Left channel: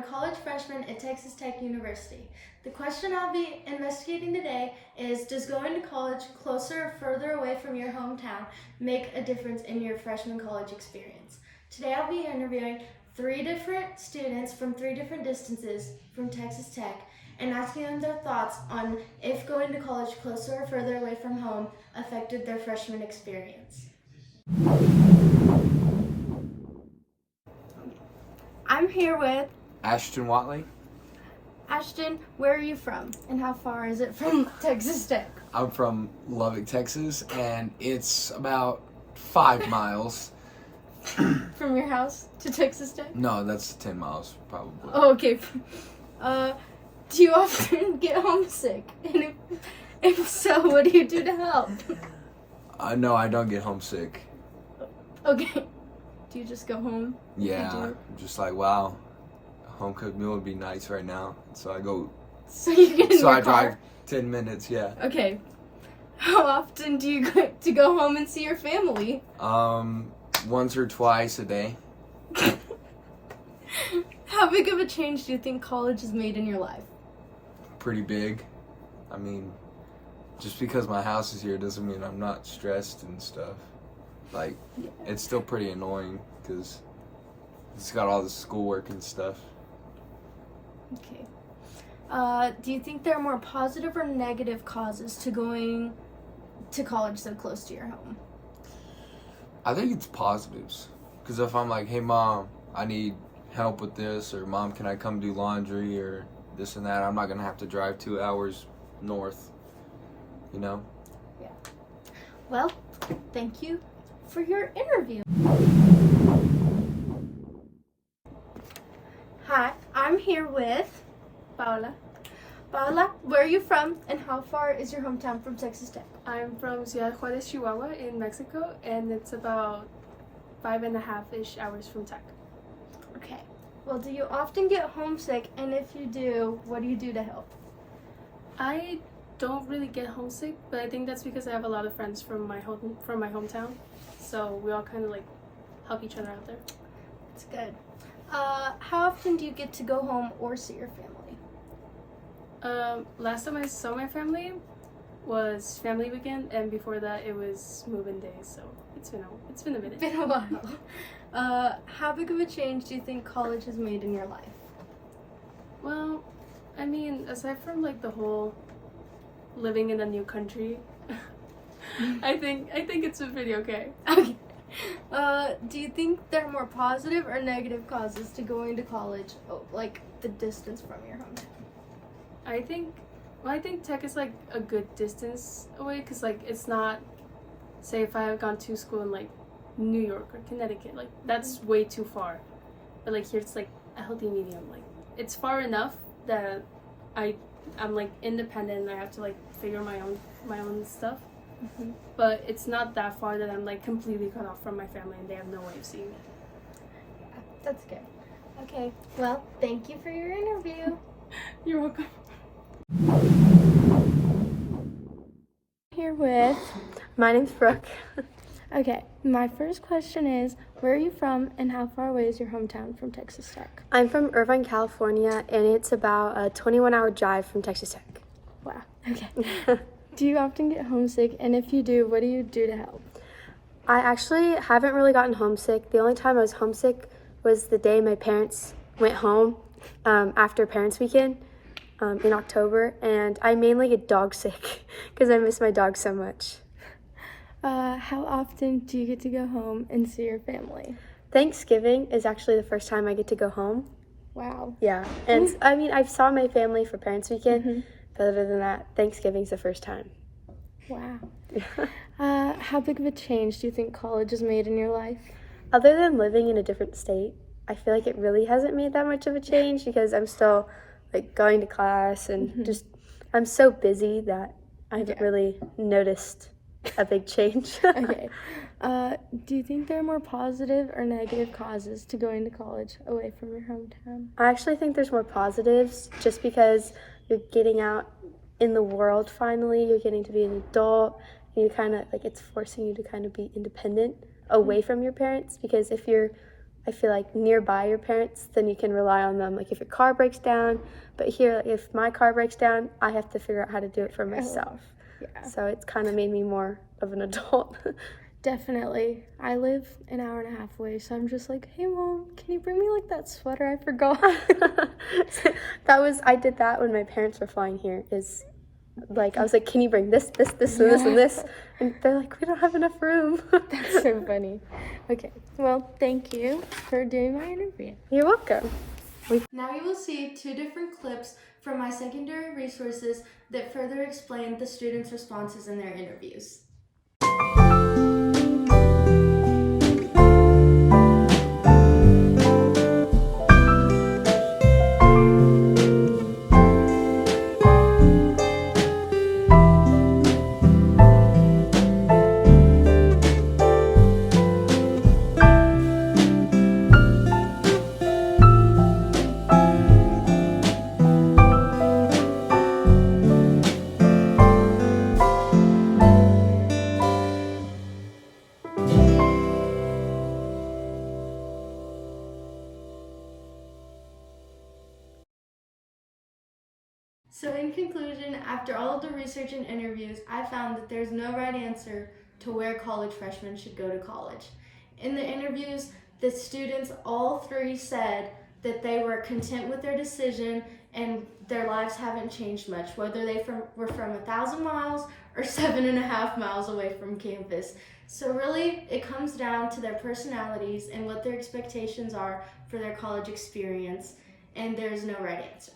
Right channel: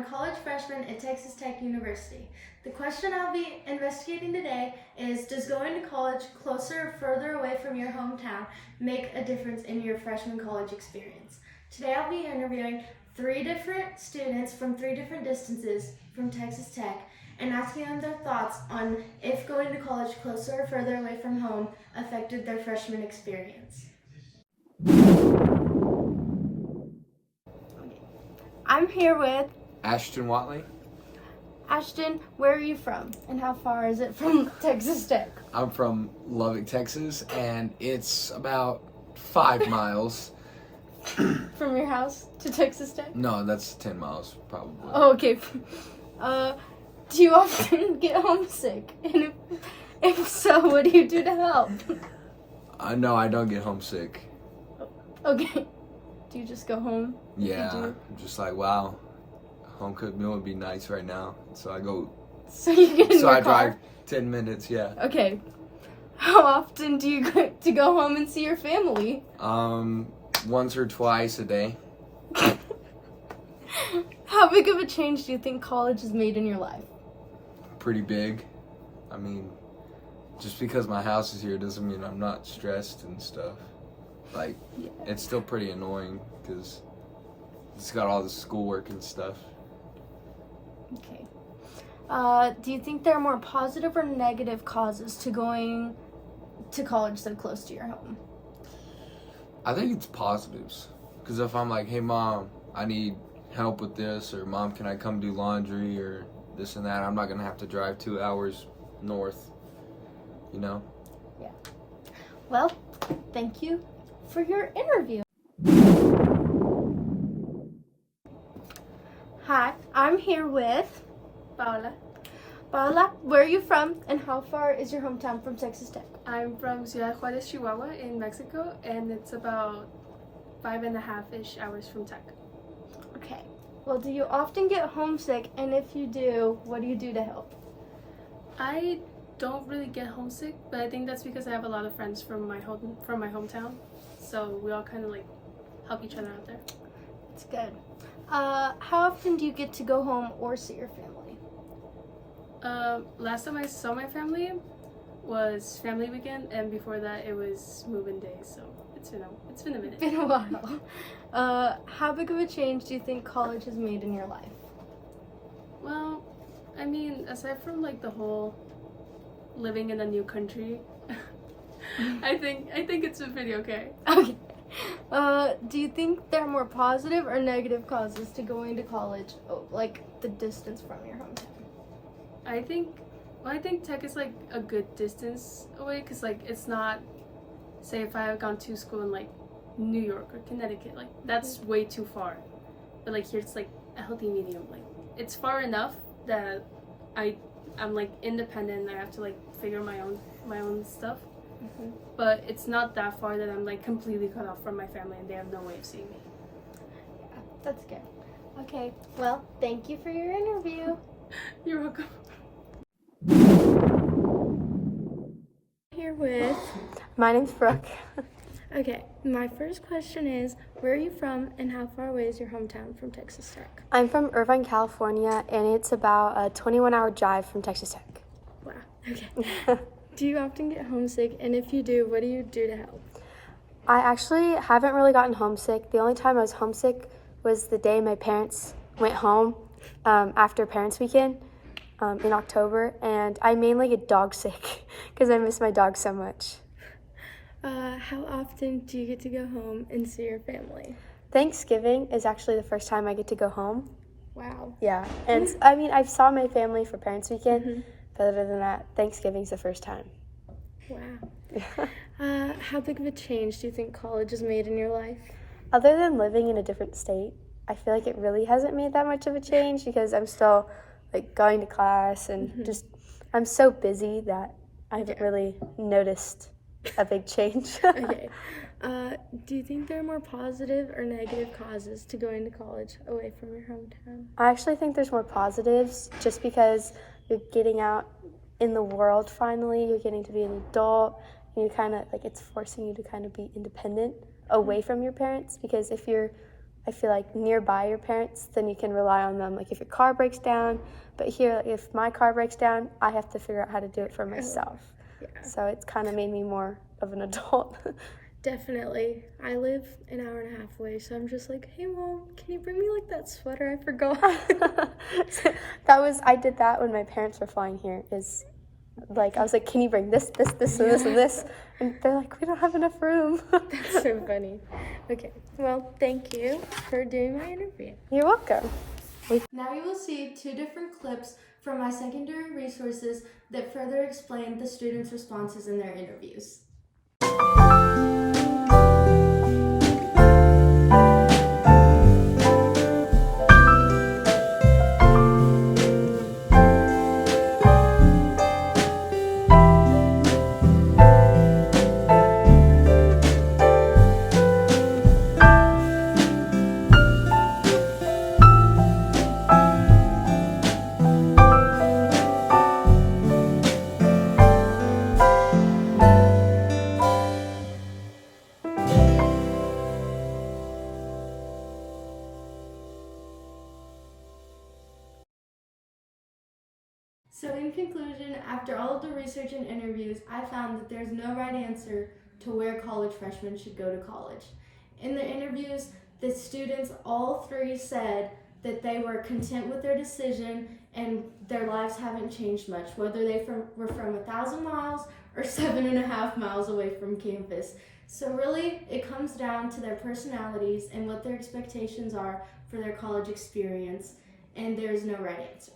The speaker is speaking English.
a college freshman at Texas Tech University. The question I'll be investigating today is, does going to college closer or further away from your hometown make a difference in your freshman college experience? Today I'll be interviewing 3 different students from 3 different distances from Texas Tech and asking them their thoughts on if going to college closer or further away from home affected their freshman experience. I'm here with Ashton Watley. Ashton. Where are you from and how far is it from Texas Tech? I'm from Lubbock, Texas, and it's about 5 miles. From your house to Texas Tech? No, that's 10 miles probably. Oh, okay. Do you often get homesick? And if so, what do you do to help? No, I don't get homesick. Okay. Do you just go home? Yeah, I'm just like, wow, a home cooked meal would be nice right now. So I go. So you get in So your I car? drive 10 minutes. Yeah. Okay. How often do you go home and see your family? Once or twice a day. How big of a change do you think college has made in your life? Pretty big. I mean, just because my house is here doesn't mean I'm not stressed and stuff. Like, it's still pretty annoying because it's got all the schoolwork and stuff. Okay. Do you think there are more positive or negative causes to going to college so close to your home? I think it's positives. Because if I'm like, hey, Mom, I need help with this, or Mom, can I come do laundry, or this and that, I'm not going to have to drive 2 hours north, you know? Yeah. Well, thank you for your interview. Hi, I'm here with Paola. Paola. Where are you from and how far is your hometown from Texas Tech? I'm from Ciudad Juarez, Chihuahua in Mexico, and it's about 5.5-ish hours from Tech. Okay. Well, do you often get homesick, and if you do, what do you do to help? I don't really get homesick, but I think that's because I have a lot of friends from my hometown, so we all kind of like help each other out there. That's good. How often do you get to go home or see your family? Last time I saw my family was family weekend, and before that it was move-in day, so it's been a minute. Been a while. How big of a change do you think college has made in your life? Well, I mean, aside from like the whole living in a new country, I think it's been pretty okay. Okay. Do you think there are more positive or negative causes to going to college, like the distance from your hometown? I think Tech is like a good distance away, because like it's not, say if I have gone to school in like New York or Connecticut, like that's way too far, but like here it's like a healthy medium. Like it's far enough that I'm like independent and I have to like figure my own stuff. Mm-hmm. But it's not that far that I'm like completely cut off from my family and they have no way of seeing me. Yeah, that's good. Okay, well, thank you for your interview. You're welcome. Here with, my name's Brooke. Okay, my first question is, where are you from and how far away is your hometown from Texas Tech? I'm from Irvine, California, and it's about a 21-hour drive from Texas Tech. Wow, okay. Do you often get homesick, and if you do, what do you do to help? I actually haven't really gotten homesick. The only time I was homesick was the day my parents went home after Parents' Weekend in October, and I mainly get dog sick because I miss my dog so much. How often do you get to go home and see your family? Thanksgiving is actually the first time I get to go home. Wow. Yeah, and I mean, I've saw my family for Parents' Weekend, but other than that, Thanksgiving's the first time. Wow. How big of a change do you think college has made in your life? Other than living in a different state, I feel like it really hasn't made that much of a change because I'm still like going to class and just I'm so busy that I haven't really noticed a big change. Okay. Do you think there are more positive or negative causes to going to college away from your hometown? I actually think there's more positives just because you're getting out in the world finally, you're getting to be an adult, and you kind of like it's forcing you to kind of be independent away from your parents, because if you're I feel like nearby your parents, then you can rely on them. Like if your car breaks down, but here, if my car breaks down, I have to figure out how to do it for myself. Yeah. So it's kind of made me more of an adult. Definitely. I live an hour and a half away, so I'm just like, hey mom, can you bring me like that sweater I forgot? I did that when my parents were flying here. Is like I was like, can you bring this, and this, and this? And they're like, we don't have enough room. That's so funny. Okay, well, thank you for doing my interview. You're welcome. Now you will see 2 different clips from my secondary resources that further explain the students' responses in their interviews. So in conclusion, after all of the research and interviews, I found that there's no right answer to where college freshmen should go to college. In the interviews, the students, all 3 said that they were content with their decision and their lives haven't changed much, whether they were from 1,000 miles or 7.5 miles away from campus. So really, it comes down to their personalities and what their expectations are for their college experience, and there's no right answer.